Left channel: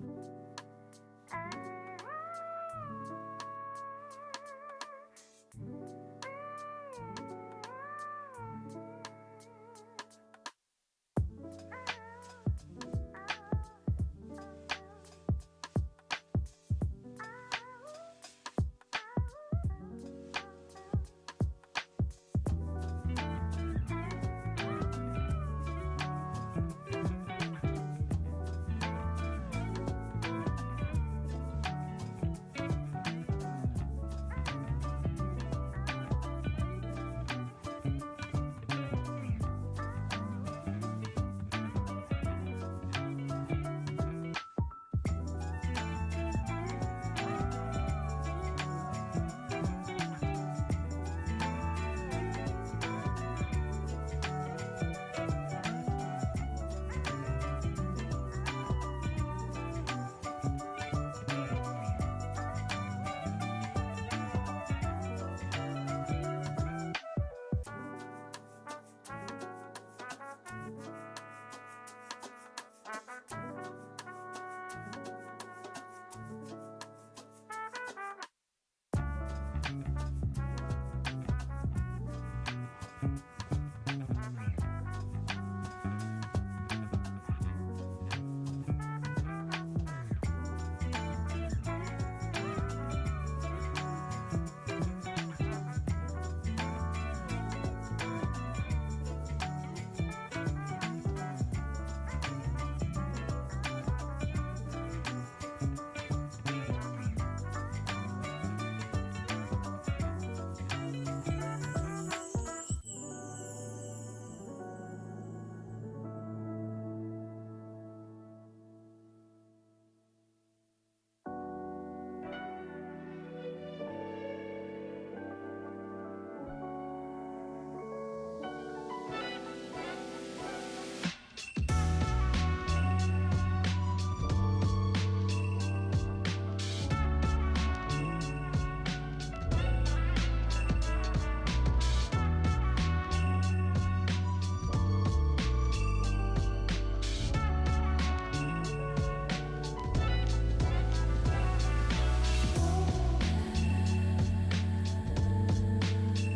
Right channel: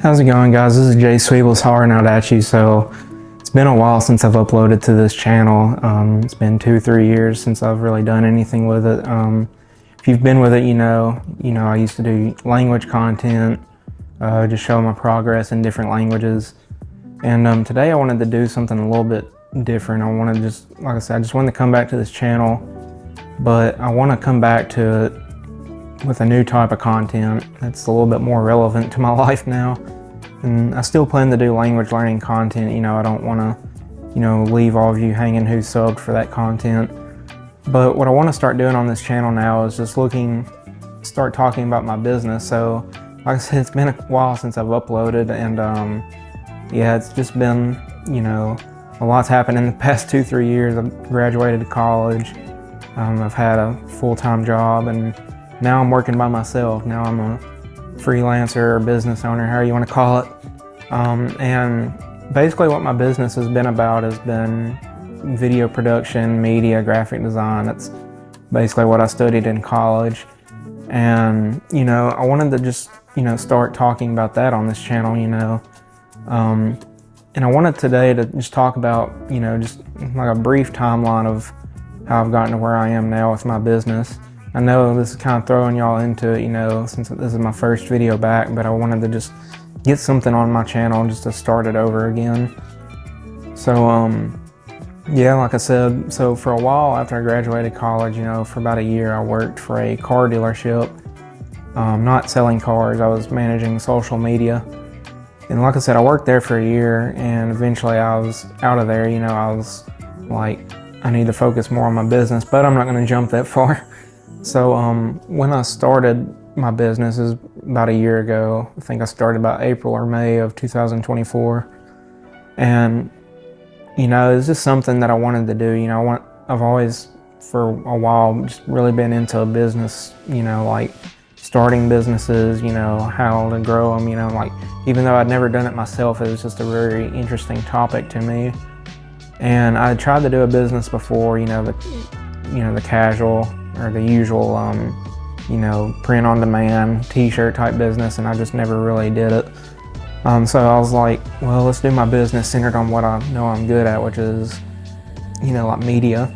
How's it going, guys? This is Jay Sweebles hollering out at you. So it's been a while since I've uploaded to this channel. It's been 2-3 years since I've really done anything with it. If you've been with it, you know I used to do language content, just show my progress in different languages. And today I wanted to do something a little bit different. I want to just, like I said, I just wanted to come back to this channel, but I want to come back to it with a new type of content that's a little bit more relevant to my life now. And I still plan to do language learning content. I don't want to, leave all of you hanging who subbed for that content. But what I want to start doing on this channel now is just start talking about my business. So, like I said, it's been a while since I've uploaded, and yeah, it's just been, a lot's happened in the past 2-3 years. I've graduated college. I've had a full-time job, and now I'm working by myself. Now I'm a freelancer or business owner, however you want to call it. And basically what my business has been about has been video production, media, graphic design. That's basically what I studied in college. And, I wanted to just, start talking about that on this channel, and I wanted today to just talk about, just like a brief timeline of how I've gotten to where I am now with my business. I know this is kind of throwing y'all into it, since this is my first video back, but I wanted to just get something on my channel just to start it over again. So, yeah, like I said, so for a while after I graduated college, for about a year, I worked for a car dealership, not selling cars. I was managing social media. And like I said, I worked there for a year, and eventually I was out of there. I was like, I need to focus more on my business, but I'm not going to jump that far. So when I started my business is about a year ago. I think I started about April or May of 2024. And, it's just something that I wanted to do. I've always, for a while, just really been into business, like starting businesses, how to grow them, like even though I'd never done it myself, it was just a very interesting topic to me. And I tried to do a business before, the casual or the usual, print on demand t-shirt type business, and I just never really did it. So I was like, well, let's do my business centered on what I know I'm good at, which is, like media.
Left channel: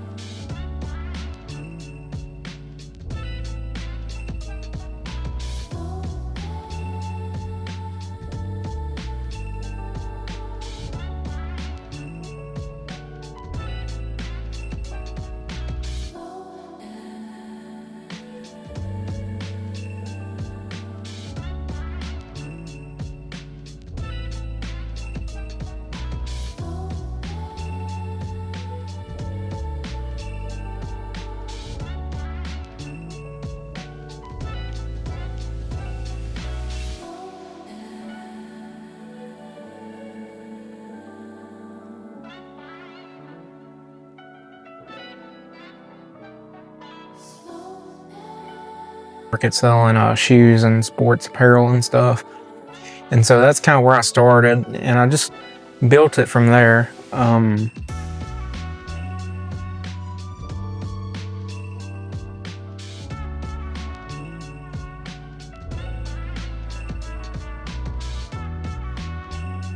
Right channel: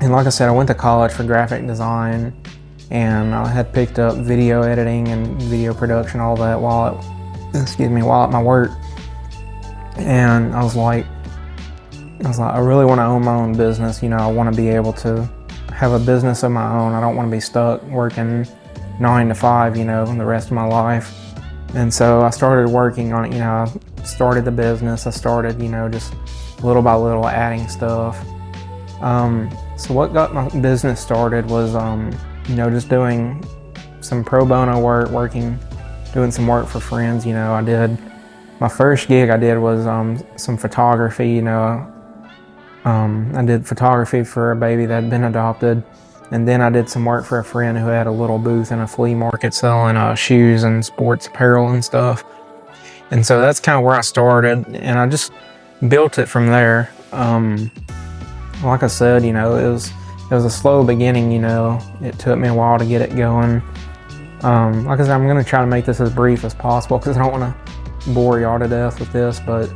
And like I said, I went to college for graphic design, and I had picked up video editing and video production, all that while at my work. And I was like, I really want to own my own business. I want to be able to have a business of my own. I don't want to be stuck working 9 to 5, the rest of my life. And so I started working on it. I started the business. I started, just little by little adding stuff. So what got my business started was, just doing some pro bono work, doing some work for friends. I did, my first gig I did was some photography. I did photography for a baby that had been adopted, and then I did some work for a friend who had a little booth in a flea market selling shoes and sports apparel and stuff. And so that's kind of where I started, and I just built it from there. Like I said, it was a slow beginning. It took me a while to get it going. Like I said, I'm going to try to make this as brief as possible because I don't want to bore y'all to death with this, but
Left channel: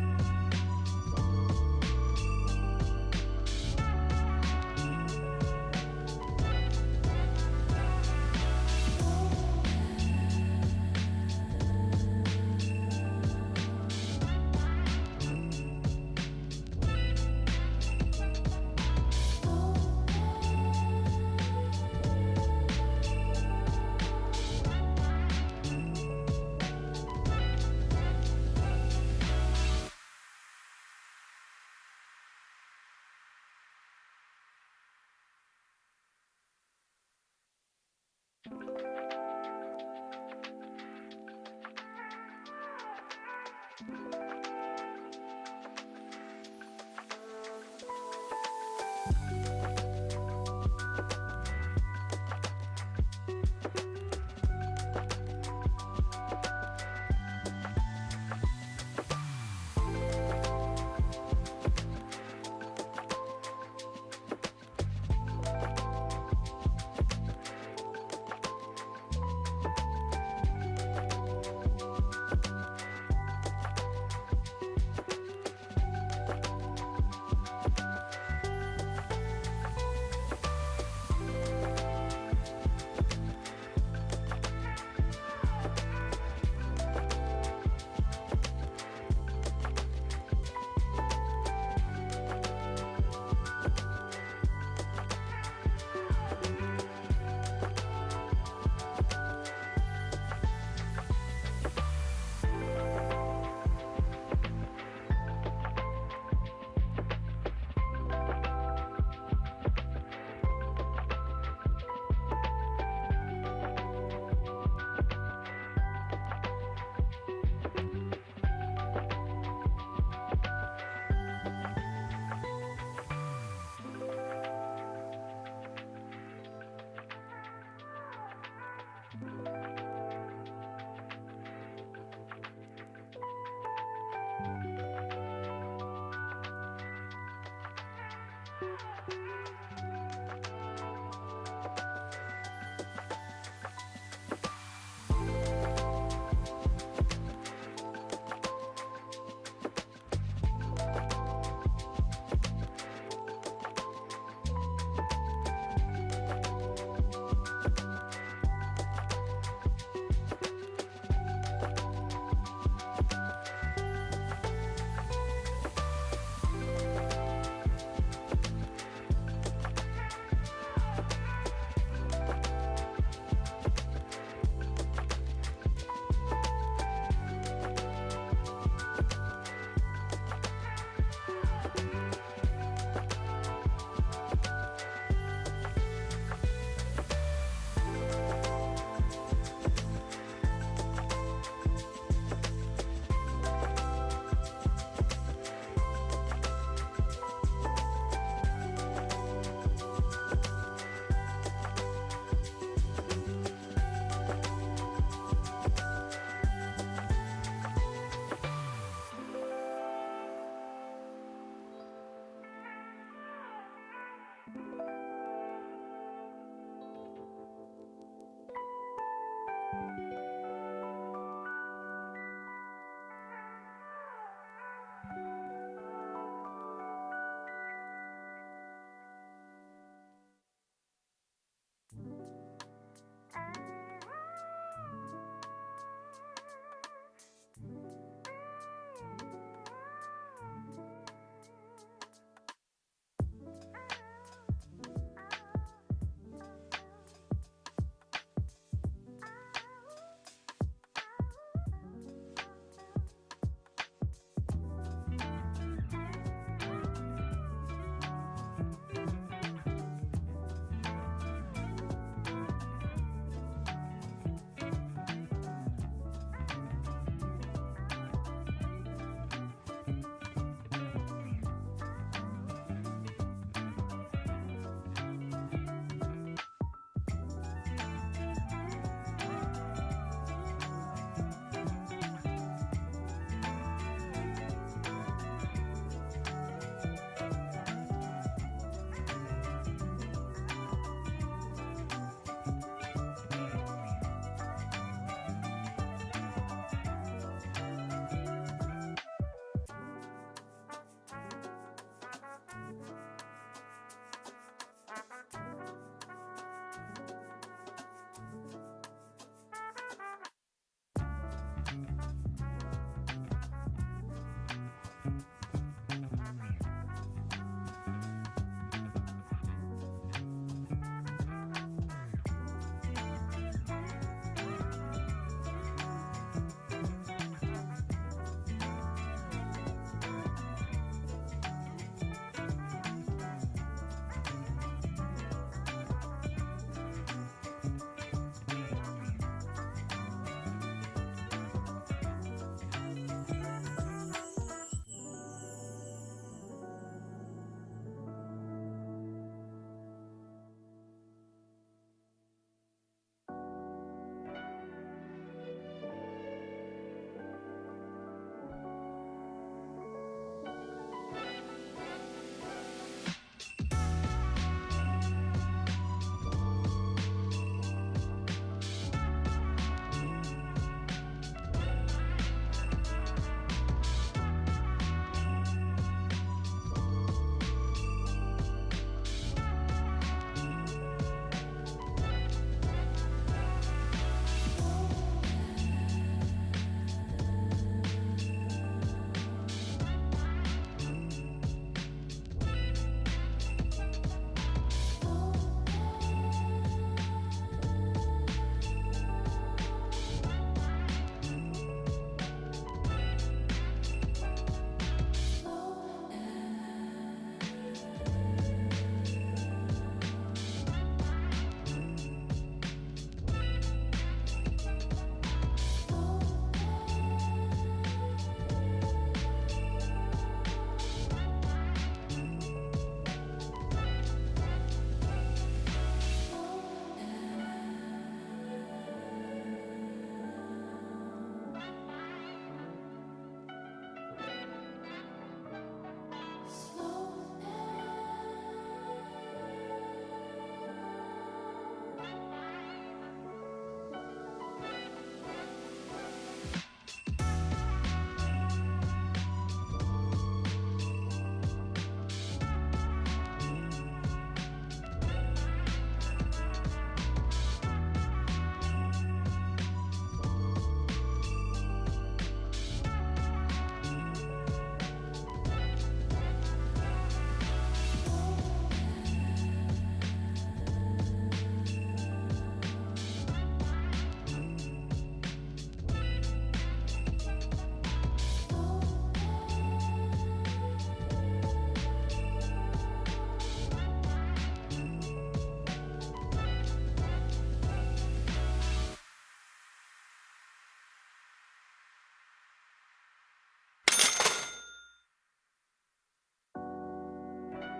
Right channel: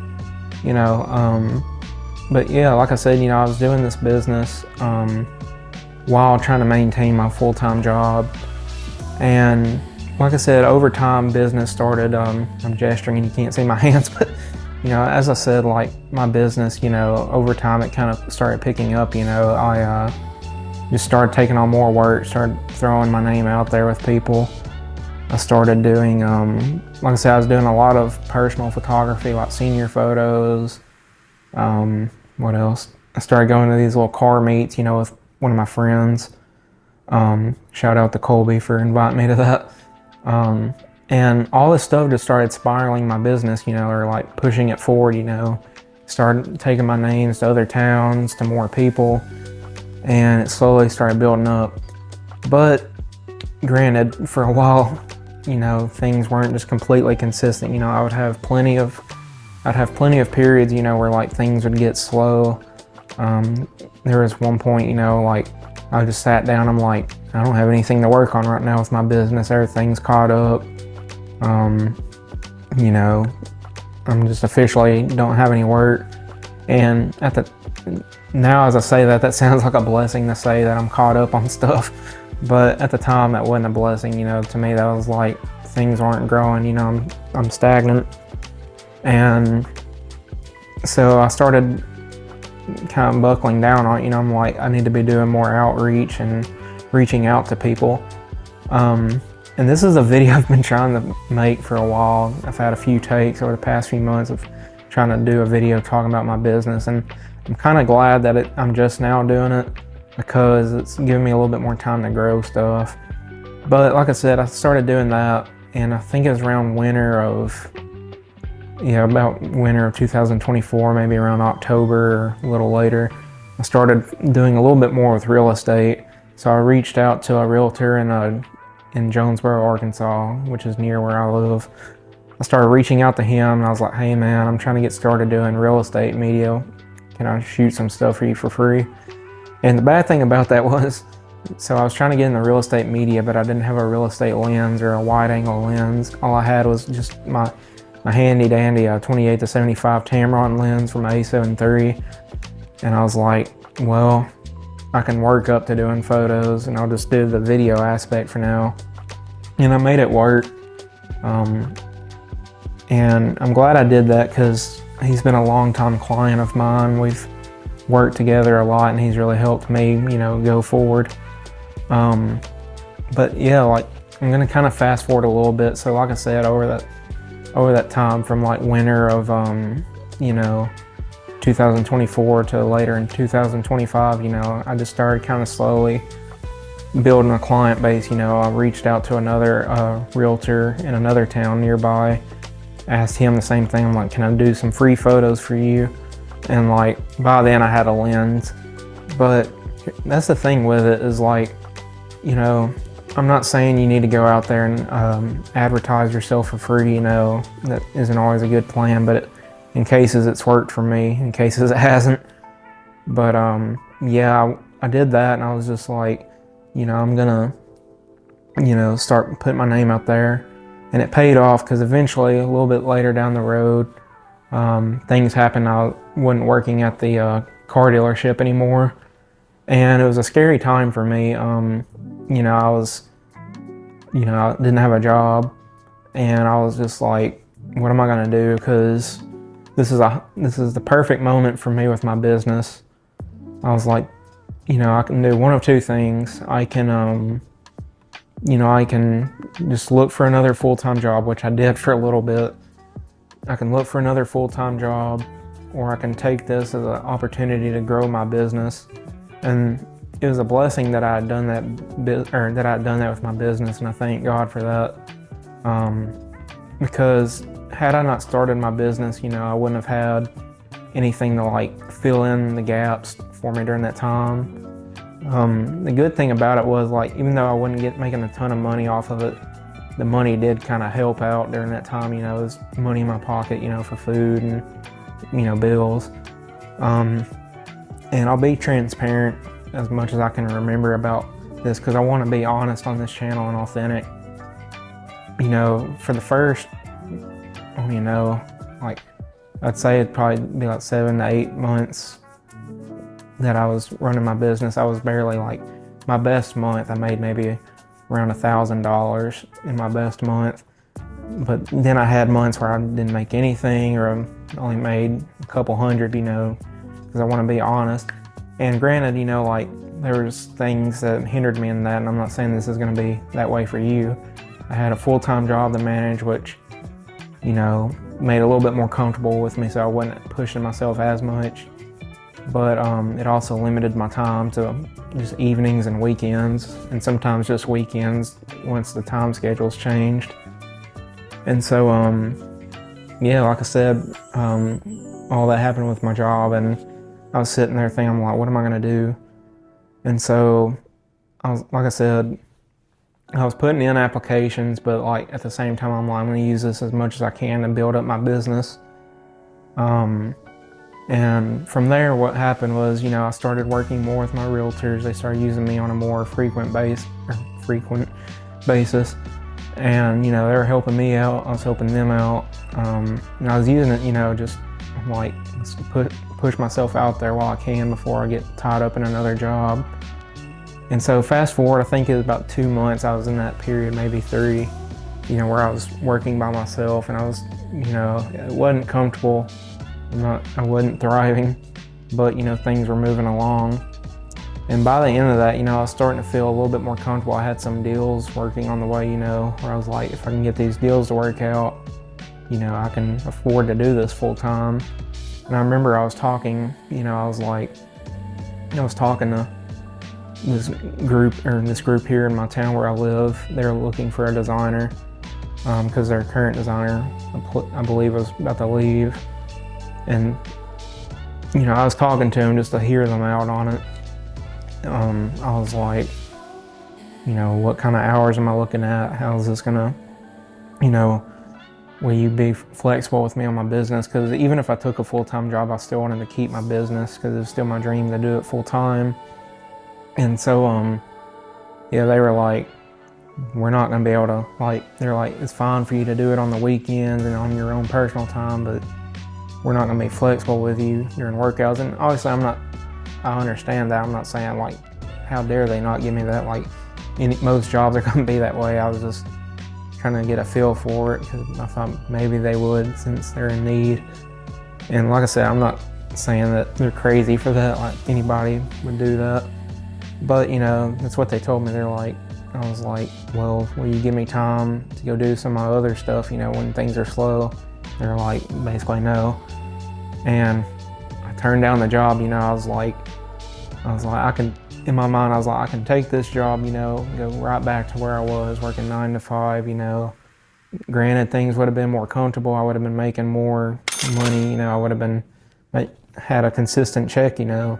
But yeah, like I said, I was doing this business while trying to maintain my full-time job. And like I said, over time, business started, I'm gesturing and you can't see my hands, but as I said, like my business, over time it kind of started picking up. I just started taking on more work, started throwing my name out there with people. I started doing, like I said, I was doing a lot of personal photography, like senior photos. What else? I started going to these little car meets, with one of my friends. Shout out to Colby for inviting me to that. And all this stuff just started spiraling my business, or like pushing it forward, started taking my names to other towns, to more people, and it slowly started building up. But granted, for a while, things weren't just completely consistent. I'd have plenty of periods, where like things would get slow. There was one point, like I just sat down, I'm like, I don't have anything to work on right now with my business. Everything's caught up. you know, I'm just officially don't have any work. And now as I say that, that sounds like a blessing to say that I'm caught up on stuff. But at the time, that wasn't a blessing, you know. To me, that was like things aren't growing, you know, I'm stagnant. And so I started kind of buckling down on it, you know. I'm like, I need to be doing more outreach and reaching out to people. And this is a video I've been trying to make for a while. I've had a few takes over the past few months of trying to do a video talking about my business, and I'm kind of glad that I'm just now doing it, because it's giving me a little bit more time to grow stuff. But like I said, I started doing that, and I think it was around about winter of 2024, maybe around October or a little later. I started doing a little bit more with real estate. So I reached out to a realtor in Jonesboro, Arkansas, which is near where I live. I started reaching out to him, and I was like, hey man, I'm trying to get started doing real estate media. Can I shoot some stuff for you for free? And the bad thing about that was, so I was trying to get into real estate media, but I didn't have a real estate lens or a wide angle lens. All I had was just my handy dandy 28-75 Tamron lens from A7 III. And I was like, well, I can work up to doing photos, and I'll just do the video aspect for now. And I made it work. And I'm glad I did that, because he's been a long-time client of mine. We've worked together a lot, and he's really helped me, you know, go forward. But yeah, like, I'm gonna kind of fast forward a little bit. So like I said, over that time from like winter of 2024 to later in 2025, you know, I just started kind of slowly building a client base. You know, I reached out to another realtor in another town nearby, asked him the same thing. I'm like, can I do some free photos for you? And like, by then I had a lens. But that's the thing with it, is like, you know, I'm not saying you need to go out there and advertise yourself for free, you know. That isn't always a good plan, but in cases it's worked for me, in cases it hasn't. But yeah, I did that, and I was just like, you know, I'm gonna, you know, start putting my name out there. And it paid off, because eventually, a little bit later down the road, things happened. I wasn't working at the car dealership anymore, and it was a scary time for me. You know, I didn't have a job, and I was just like, what am I gonna do? Because this is the perfect moment for me with my business. I was like, you know, I can do one of two things. I can just look for another full-time job, which I did for a little bit. I can look for another full-time job, or I can take this as an opportunity to grow my business. And it was a blessing that I had done that with my business, and I thank God for that. Because had I not started my business, you know, I wouldn't have had anything to like fill in the gaps for me during that time. The good thing about it was, like, even though I wasn't making a ton of money off of it, the money did kind of help out during that time. You know, there's money in my pocket, you know, for food and, you know, bills. And I'll be transparent as much as I can remember about this, because I want to be honest on this channel and authentic. You know, for the first, you know, like, I'd say it'd probably be like 7 to 8 months that I was running my business. I was barely, like, my best month, I made maybe around $1,000 in my best month. But then I had months where I didn't make anything, or I only made a couple hundred, you know, because I want to be honest. And granted, you know, like, there was things that hindered me in that, and I'm not saying this is going to be that way for you. I had a full-time job to manage, which, you know, made it a little bit more comfortable with me, so I wasn't pushing myself as much. But it also limited my time to just evenings and weekends, and sometimes just weekends once the time schedules changed. And so, yeah, like I said, all that happened with my job, and I was sitting there thinking, I'm like, what am I gonna do? And so, like I said, I was putting in applications, but like at the same time, I'm like, I'm gonna use this as much as I can to build up my business. And from there, what happened was, you know, I started working more with my realtors. They started using me on a more frequent basis. And, you know, they were helping me out, I was helping them out. And I was using it, you know, just like to push myself out there while I can before I get tied up in another job. And so fast forward, I think it was about 2 months I was in that period, maybe 3, you know, where I was working by myself, and I was, you know, it wasn't comfortable. I wasn't thriving, but, you know, things were moving along. And by the end of that, you know, I was starting to feel a little bit more comfortable. I had some deals working on the way, you know, where I was like, if I can get these deals to work out, you know, I can afford to do this full time. And I remember I was talking, you know, I was talking to this group here in my town where I live. They're looking for a designer because their current designer, I believe, was about to leave. And, you know, I was talking to them just to hear them out on it. I was like, you know, what kind of hours am I looking at? How is this gonna, you know, will you be flexible with me on my business? Because even if I took a full-time job, I still wanted to keep my business because it's still my dream to do it full-time. And so, yeah, they were like, we're not gonna be able to, like, they're like, it's fine for you to do it on the weekends and on your own personal time, but we're not gonna be flexible with you during workouts. And obviously I understand that. I'm not saying, like, how dare they not give me that. Like, most jobs are going to be that way. I was just trying to get a feel for it because I thought maybe they would since they're in need. And like I said, I'm not saying that they're crazy for that. Like, anybody would do that. But, you know, that's what they told me. They're like, I was like, well, will you give me time to go do some of my other stuff, you know, when things are slow? They're like, basically, no. And I turned down the job, you know. I was like, in my mind, I was like, I can take this job, you know, go right back to where I was, working 9 to 5, you know. Granted, things would have been more comfortable. I would have been making more money, you know. I would have been, had a consistent check, you know.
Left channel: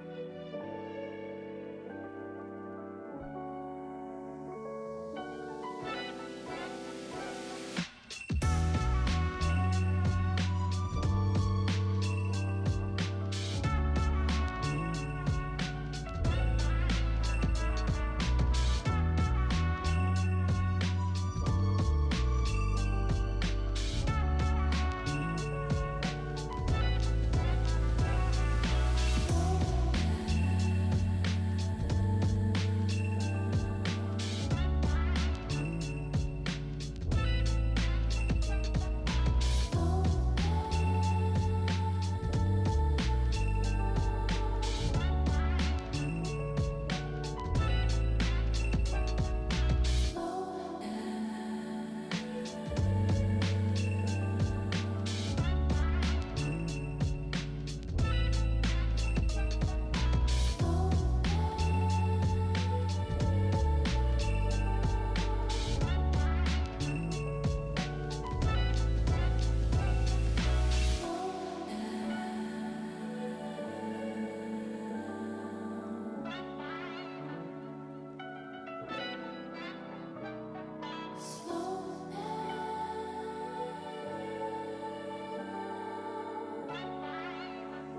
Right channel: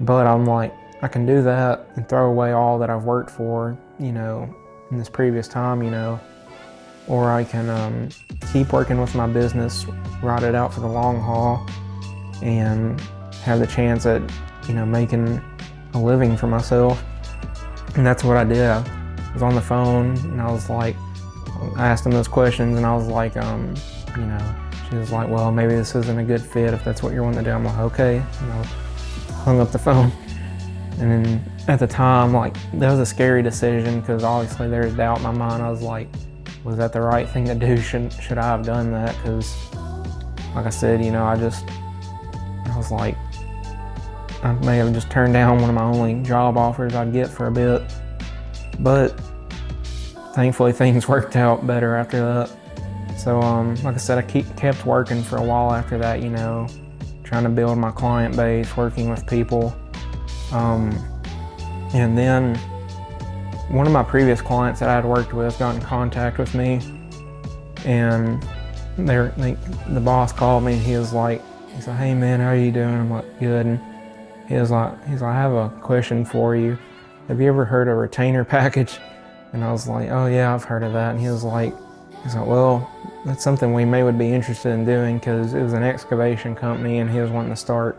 But I'm like, I can do that and throw away all that I've worked for, you know, in this previous time, you know. Or I can keep working with my business, ride it out for the long haul, and have the chance at, you know, making a living for myself. And that's what I did. I was on the phone and I was like, I asked them those questions and I was like, you know, she was like, well, maybe this isn't a good fit if that's what you're wanting to do. I'm like, okay, you know, hung up the phone. And then at the time, like, that was a scary decision because obviously there's doubt in my mind. I was like, was that the right thing to do? Should I have done that? Because, like I said, you know, I was like, I may have just turned down one of my only job offers I'd get for a bit. But thankfully things worked out better after that. So, like I said, I kept working for a while after that, you know, trying to build my client base, working with people. And then one of my previous clients that I had worked with got in contact with me, and the boss called me and he said, hey man, how are you doing? I'm like, good. And he's like, I have a question for you. Have you ever heard of retainer package? And I was like, oh yeah, I've heard of that. And he was like, well, that's something we would be interested in doing, because it was an excavation company and he was wanting to start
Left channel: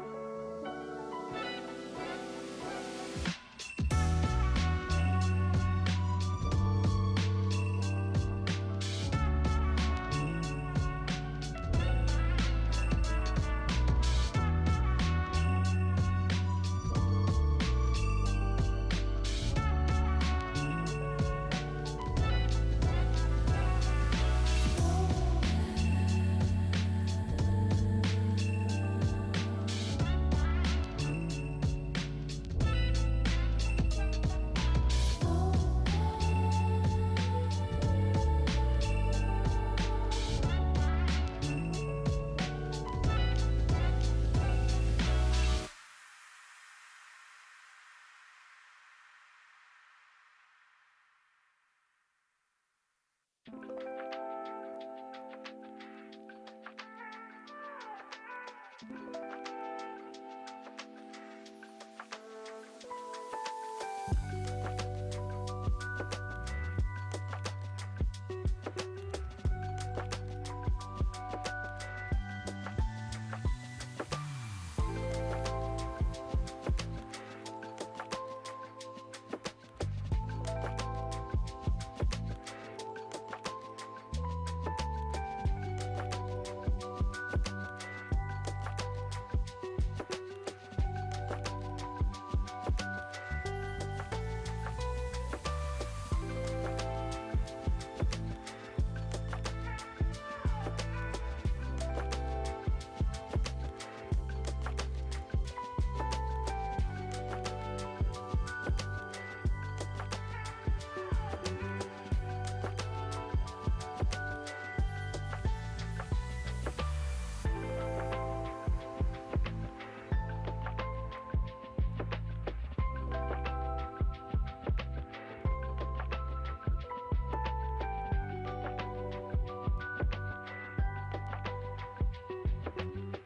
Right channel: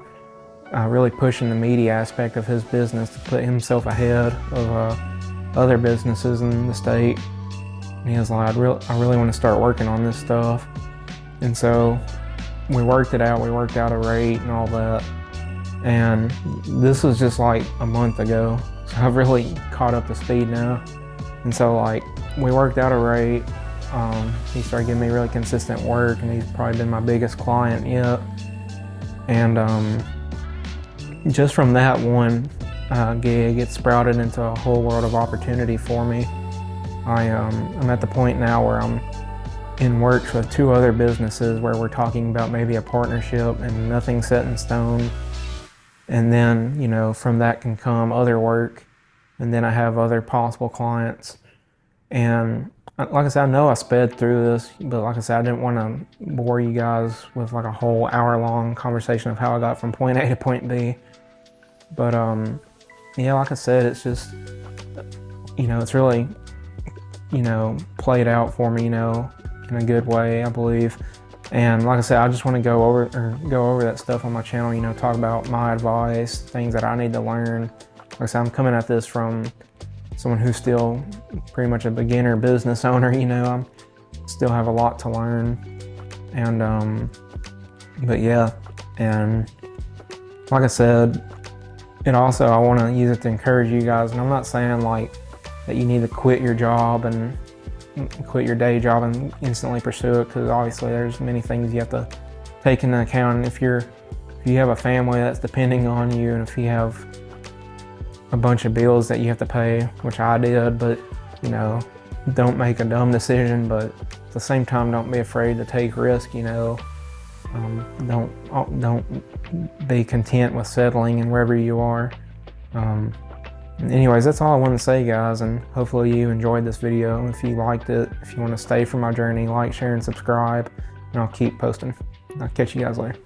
really pushing the media aspect of his business to put himself ahead of other businesses in the state. And he was like, I really want to start working on this stuff. And so we worked it out. We worked out a rate and all that. And this was just like a month ago. So I've really caught up to speed now. And so, like, we worked out a rate. He started giving me really consistent work, and he's probably been my biggest client yet. And just from that one gig, it sprouted into a whole world of opportunity for me. I'm at the point now where I'm in works with 2 other businesses where we're talking about maybe a partnership, and nothing's set in stone. And then, you know, from that can come other work, and then I have other possible clients. And like I said, I know I sped through this, but like I said, I didn't want to bore you guys with like a whole hour-long conversation of how I got from point A to point B. But yeah, like I said, it's just, you know, it's really, you know, played out for me, you know, in a good way, I believe. And like I said, I just want to go over that stuff on my channel, you know, talk about my advice, things that I need to learn. Like I said, I'm coming at this from someone who's still pretty much a beginner business owner, you know, I still have a lot to learn. And but yeah, and like I said, and also I want to use it to encourage you guys. And I'm not saying like that you need to quit your job and quit your day job and instantly pursue it, because obviously there's many things you have to take into account. And if you have a family that's depending on you, and if you have a bunch of bills that you have to pay, which I did, but you know, don't make a dumb decision, but at the same time, don't be afraid to take risk, you know. Don't be content with settling in wherever you are. Anyways, that's all I wanted to say, guys, and hopefully you enjoyed this video. If you liked it, if you want to stay for my journey, like, share, and subscribe, and I'll keep posting. I'll catch you guys later.